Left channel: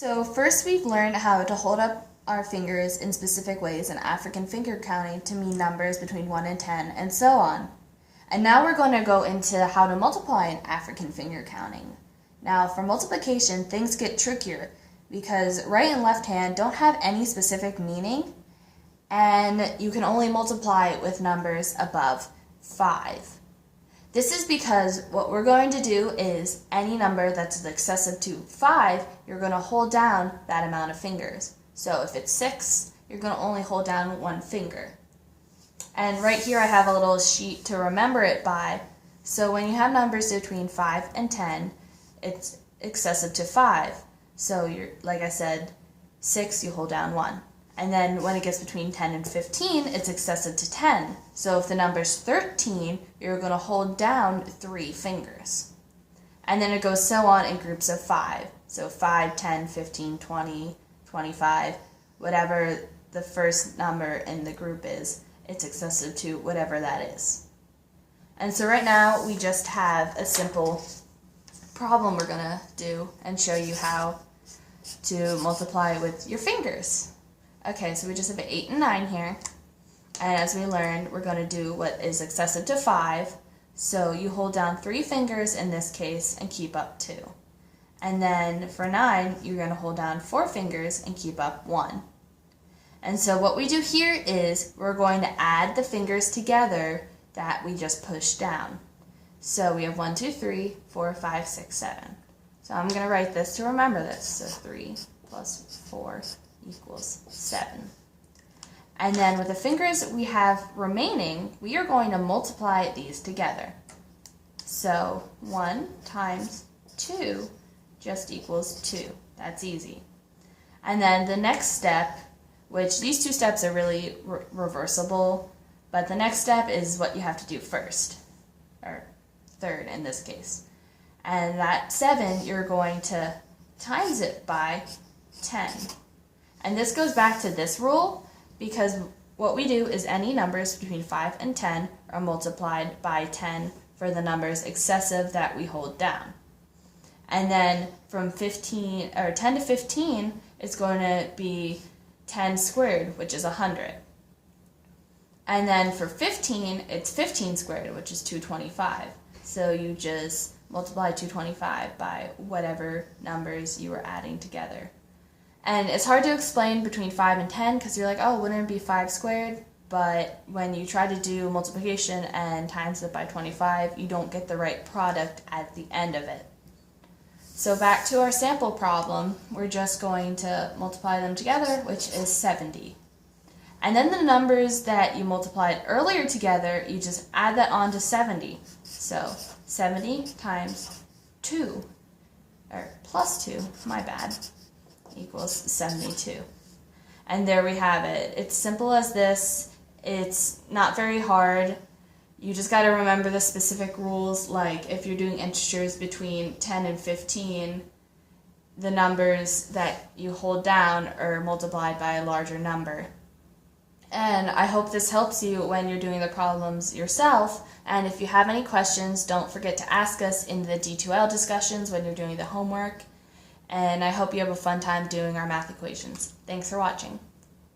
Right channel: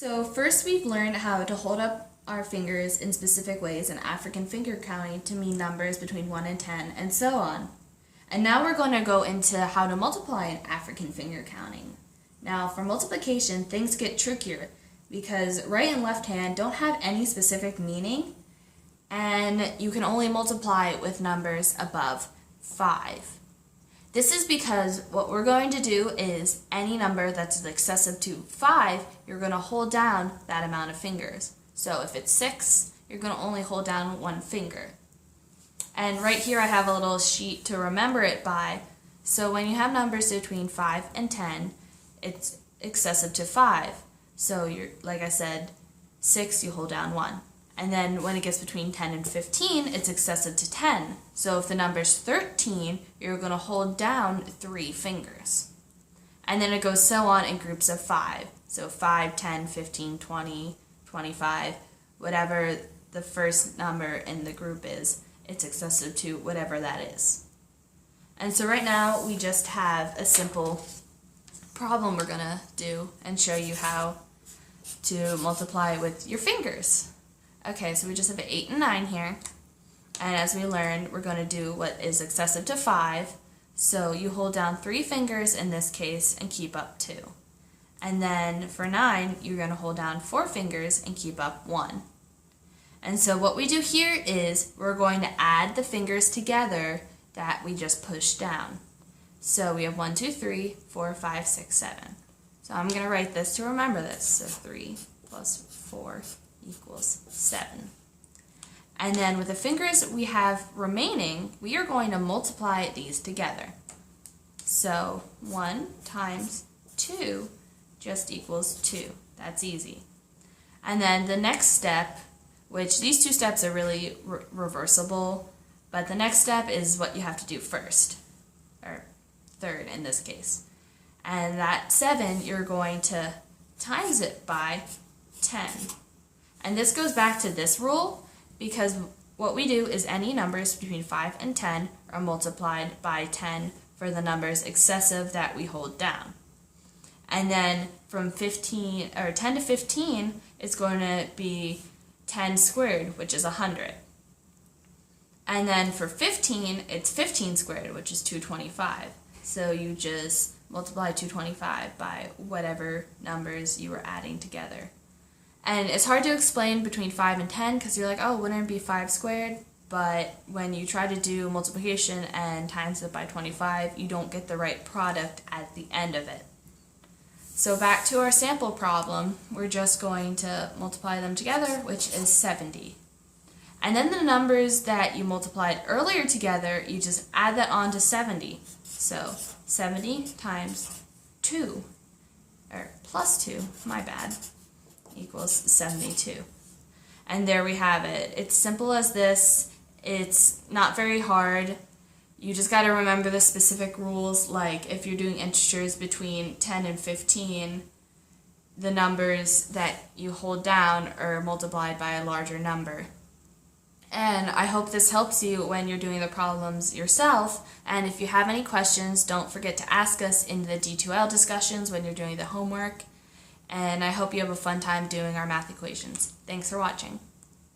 So first we've learned how to hold up our fingers in specific ways in African finger counting to mean numbers between 1 and 10 and so on. And now we're going to go into how to multiply in African finger counting. Now for multiplication, things get trickier because right and left hand don't have any specific meaning, and you can only multiply with numbers above 5. This is because what we're going to do is any number that's excessive to 5, you're going to hold down that amount of fingers. So if it's 6, you're going to only hold down one finger. And right here I have a little sheet to remember it by. So when you have numbers between 5 and 10, it's excessive to 5. So like I said, 6, you hold down 1. And then when it gets between 10 and 15, it's excessive to 10. So if the number's 13, you're going to hold down 3 fingers. And then it goes so on in groups of 5. So 5, 10, 15, 20, 25, whatever the first number in the group is, it's excessive to whatever that is. And so right now we just have a simple problem we're going to do and show you how to multiply with your fingers. Okay, so we just have an 8 and 9 here, and as we learned, we're going to do what is excessive to 5, so you hold down 3 fingers in this case and keep up 2. And then for 9, you're going to hold down 4 fingers and keep up 1. And so what we do here is we're going to add the fingers together that we just pushed down. So we have 1, 2, 3, 4, 5, 6, 7. So I'm going to write this to remember this. So 3 plus 4 equals 7. And then with the fingers we have remaining, we are going to multiply these together. So 1 times 2 just equals 2. That's easy. And then the next step, which these two steps are really reversible, but the next step is what you have to do first, or third in this case. And that 7, you're going to times it by 10. And this goes back to this rule because what we do is any numbers between 5 and 10 are multiplied by 10 for the numbers excessive that we hold down. And then from 10 to 15, it's going to be 10 squared, which is 100. And then for 15, it's 15 squared, which is 225. So you just multiply 225 by whatever numbers you were adding together. And it's hard to explain between 5 and 10 because you're like, oh, wouldn't it be 5 squared? But when you try to do multiplication and times it by 25, you don't get the right product at the end of it. So back to our sample problem, we're just going to multiply them together, which is 70. And then the numbers that you multiplied earlier together, you just add that on to 70. So 70 times 2, or plus 2, my bad, equals 72. And there we have it. It's simple as this. It's not very hard. You just got to remember the specific rules, like if you're doing integers between 10 and 15, the numbers that you hold down are multiplied by a larger number. And I hope this helps you when you're doing the problems yourself. And if you have any questions, don't forget to ask us in the D2L discussions when you're doing the homework. And I hope you have a fun time doing our math equations. Thanks for watching.